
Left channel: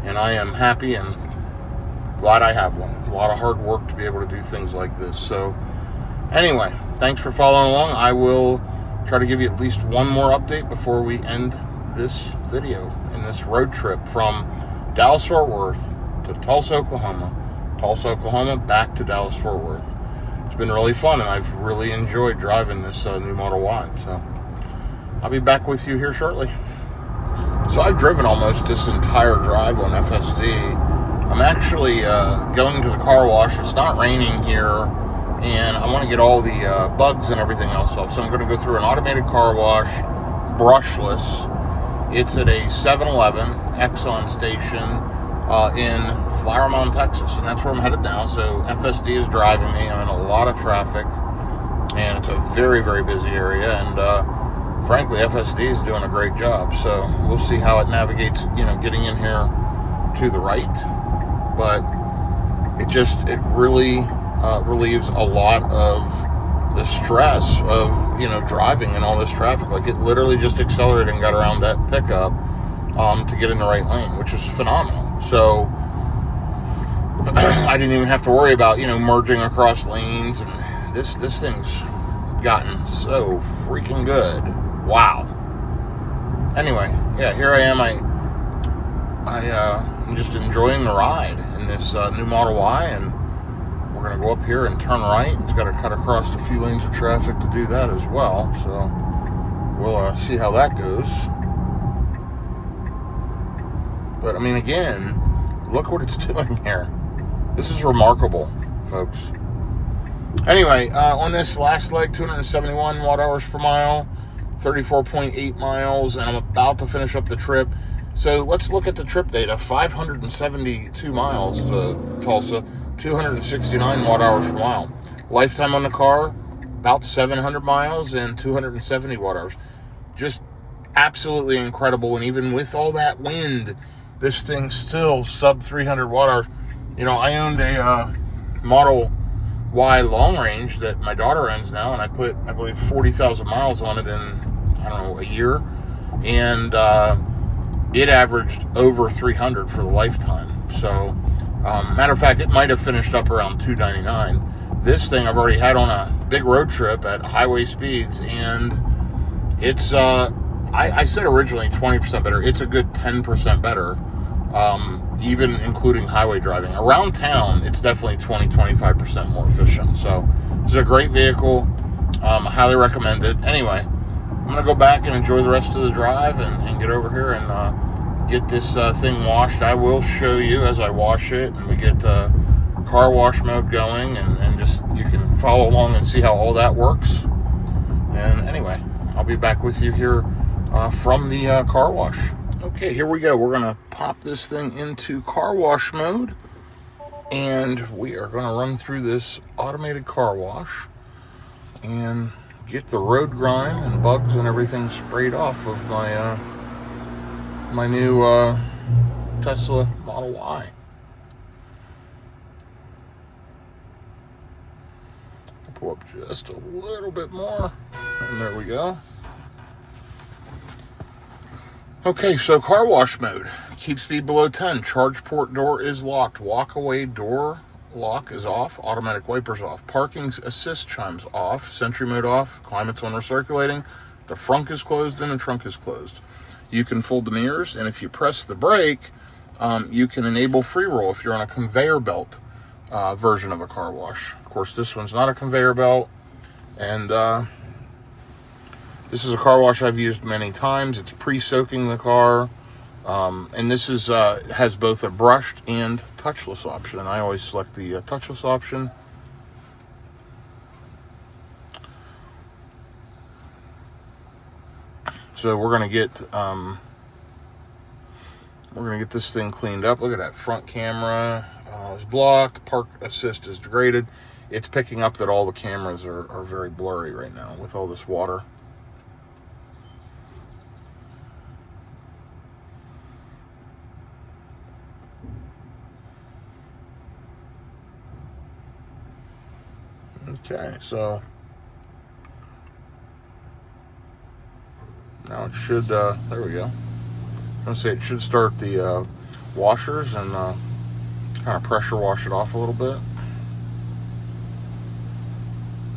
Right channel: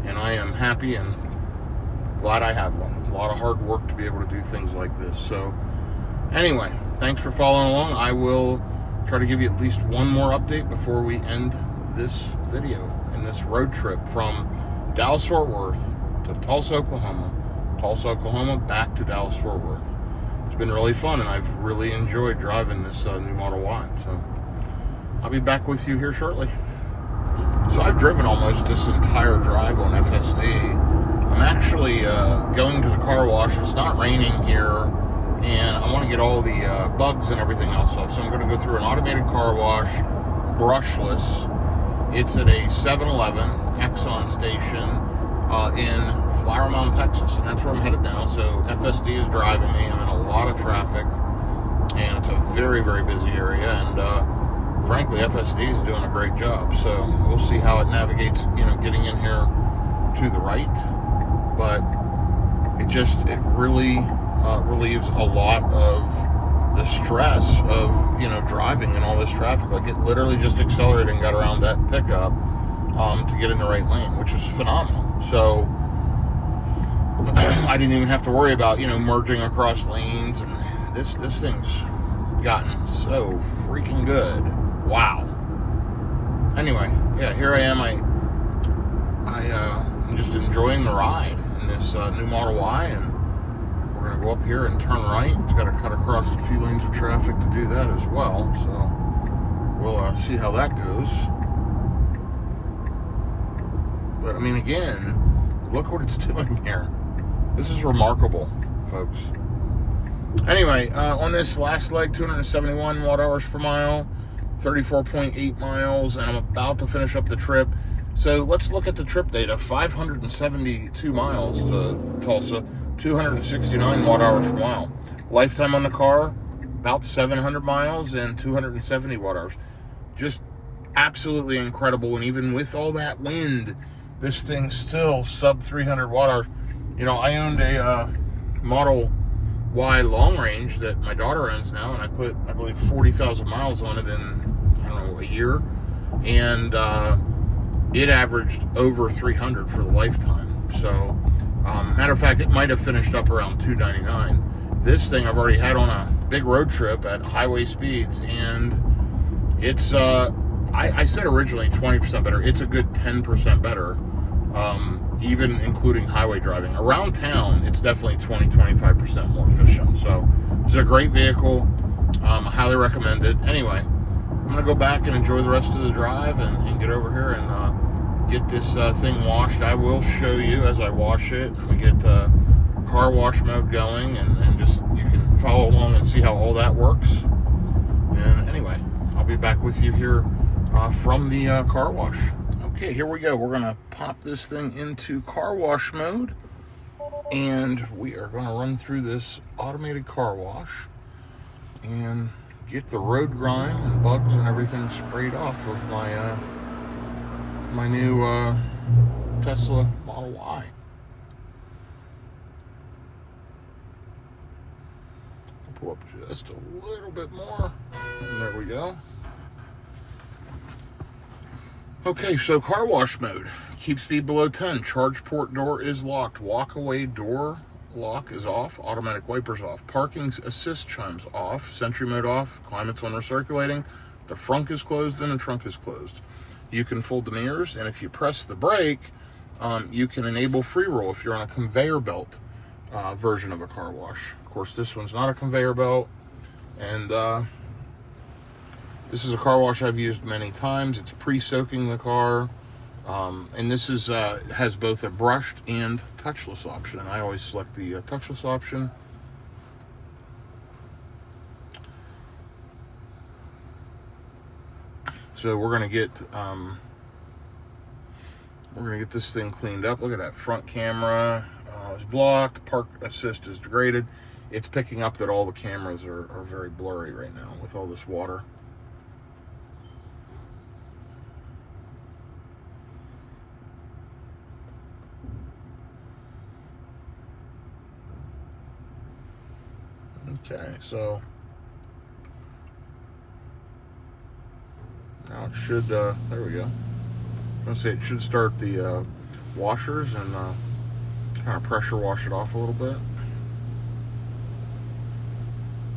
And I am happy and glad I have one. A lot of hard work to be able to do things like this. So anyway, thanks for following along. I will try to give you at least one more update before we end this video in this road trip from Dallas-Fort Worth to Tulsa, Oklahoma. Tulsa, Oklahoma, back to Dallas-Fort Worth. It's been really fun, and I've really enjoyed driving this new Model Y. So I'll be back with you here shortly. So I've driven almost this entire drive on FSD. I'm actually going to the car wash. It's not raining here, and I want to get all the bugs and everything else off. So I'm going to go through an automated car wash, brushless. It's at a 7-Eleven Exxon station in Flower Mound, Texas, and that's where I'm headed now. So FSD is driving me. I'm in a lot of traffic, and it's a very, very busy area, and frankly, FSD is doing a great job. So we'll see how it navigates, you know, getting in here to the right. But it really relieves a lot of the stress of, you know, driving in all this traffic. Like, it literally just accelerated and got around that pickup to get in the right lane, which is phenomenal. So I didn't even have to worry about, you know, merging across lanes, and this thing's gotten so freaking good. Wow. Anyway, yeah, here I am. I'm just enjoying the ride in this new Model Y, and we're going to go up here and turn right. It's got to cut across a few lanes of traffic to do that as well, so we'll see how that goes. But, I mean, again, look what it's doing here. This is remarkable, folks. Anyway, on this last leg, 271 watt-hours per mile, 34.8 miles, and I'm about to finish up the trip. So let's look at the trip data. 572 miles to Tulsa, 269 watt-hours per mile. Lifetime on the car, about 700 miles and 270 watt-hours. Just absolutely incredible. And even with all that wind, this thing's still sub 300 watt-hours. You know, I owned a Model Y long range that my daughter owns now, and I put, I believe, 40,000 miles on it in, I don't know, a year. And it averaged over 300 for the lifetime. So, matter of fact, it might have finished up around 299. This thing I've already had on a big road trip at highway speeds, and it's, I said originally 20% better. It's a good 10% better, even including highway driving. Around town, it's definitely 20-25% more efficient. So, it's a great vehicle. I highly recommend it. Anyway, I'm going to go back and enjoy the rest of the drive and get over here and get this thing washed. I will show you as I wash it, and we get car wash mode going, and just, you can follow along and see how all that works. And anyway, I'll be back with you here from the car wash. Okay, here we go. We're going to pop this thing into car wash mode, and we are going to run through this automated car wash and get the road grime and bugs and everything sprayed off of my my new Tesla Model Y. I'll pull up just a little bit more, and there we go. Okay, so car wash mode. Keep speed below 10. Charge port door is locked. Walk away door lock is off. Automatic wipers off. Parking assist chimes off. Sentry mode off. Climate's on recirculating. The front is closed and the trunk is closed. You can fold the mirrors, and if you press the brake, you can enable free roll if you're on a conveyor belt version of a car wash. Of course, this one's not a conveyor belt, and this is a car wash I've used many times. It's pre-soaking the car, and this is has both a brushed and touchless option. And I always select the touchless option. So we're gonna get this thing cleaned up. Look at that front camera is blocked. Park assist is degraded. It's picking up that all the cameras are very blurry right now with all this water. Okay, so now it should, there we go. I'm going to say it should start the washers and kind of pressure wash it off a little bit.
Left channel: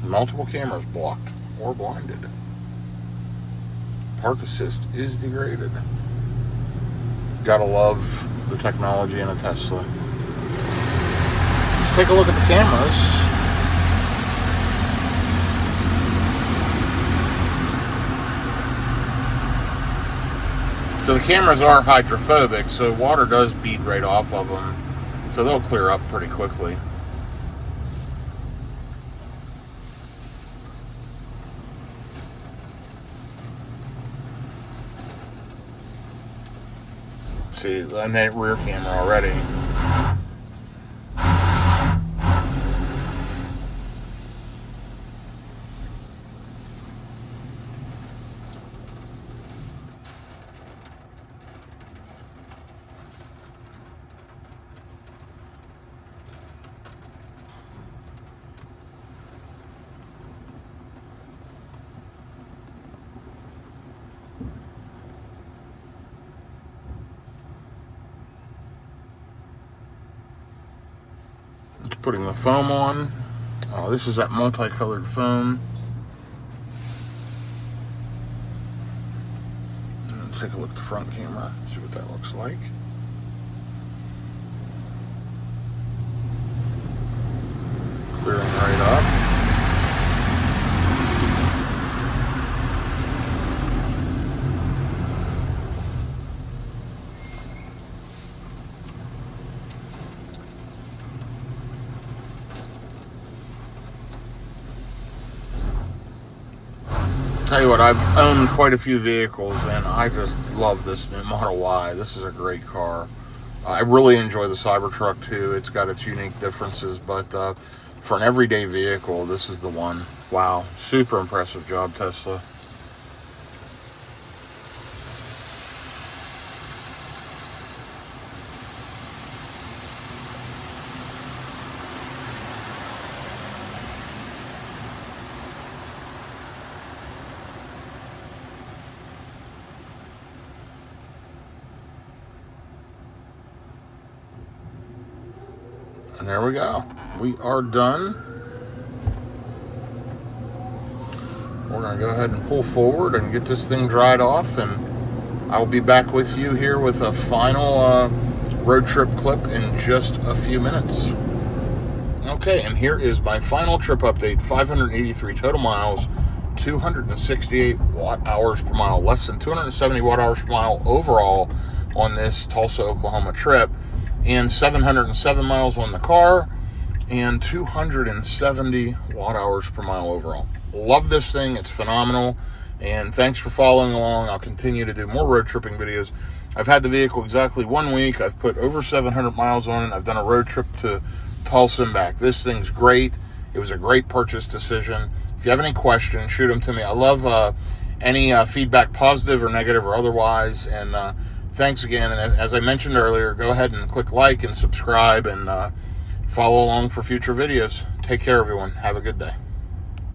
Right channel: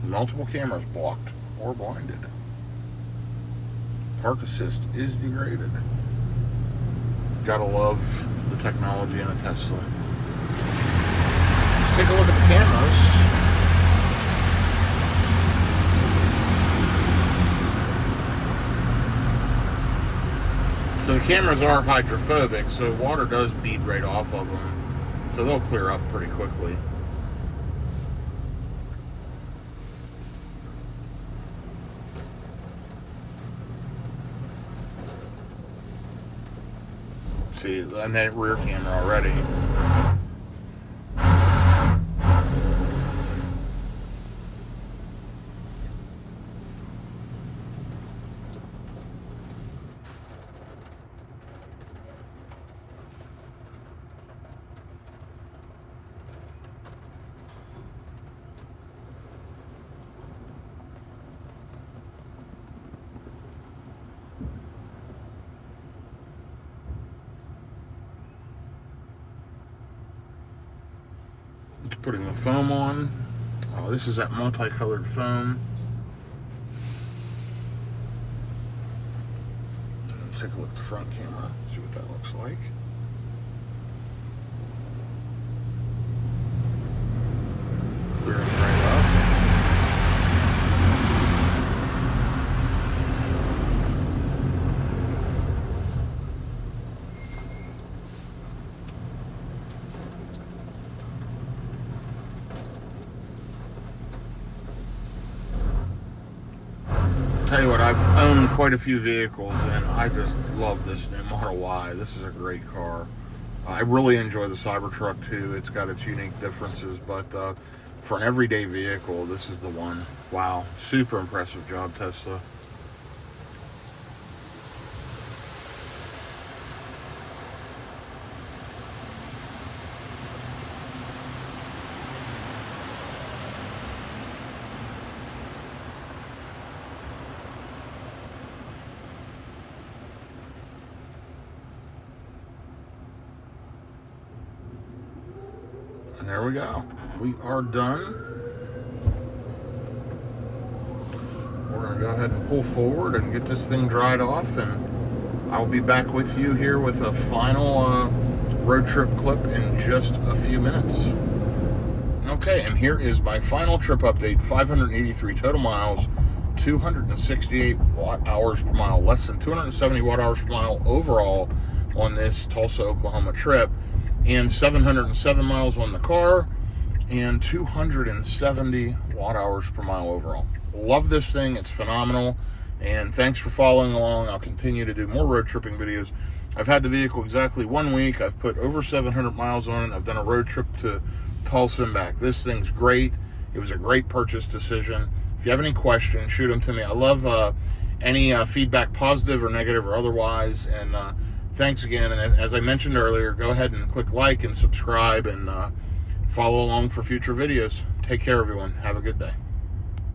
Multiple cameras blocked or blinded. Park assist is degraded. Gotta love the technology in a Tesla. Let's take a look at the cameras. So the cameras are hydrophobic, so water does bead right off of them. So they'll clear up pretty quickly. See, and that rear camera already. Putting the foam on. This is that multicolored foam. Let's take a look at the front camera, see what that looks like. Clearing right up. Tell you what, I've owned quite a few vehicles and I just love this new Model Y. This is a great car. I really enjoy the Cybertruck too. It's got its unique differences, but for an everyday vehicle, this is the one. Wow, super impressive job, Tesla. And there we go. We are done. We're going to go ahead and pull forward and get this thing dried off, and I'll be back with you here with a final road trip clip in just a few minutes. Okay, and here is my final trip update. 583 total miles, 268 watt-hours per mile, less than 270 watt-hours per mile overall on this Tulsa, Oklahoma trip, and 707 miles on the car, and 270 watt-hours per mile overall. Love this thing. It's phenomenal, and thanks for following along. I'll continue to do more road tripping videos. I've had the vehicle exactly 1 week. I've put over 700 miles on it. I've done a road trip to Tulsa and back. This thing's great. It was a great purchase decision. If you have any questions, shoot them to me. I love any feedback, positive or negative or otherwise, and thanks again. And as I mentioned earlier, go ahead and click like and subscribe and follow along for future videos. Take care, everyone. Have a good day.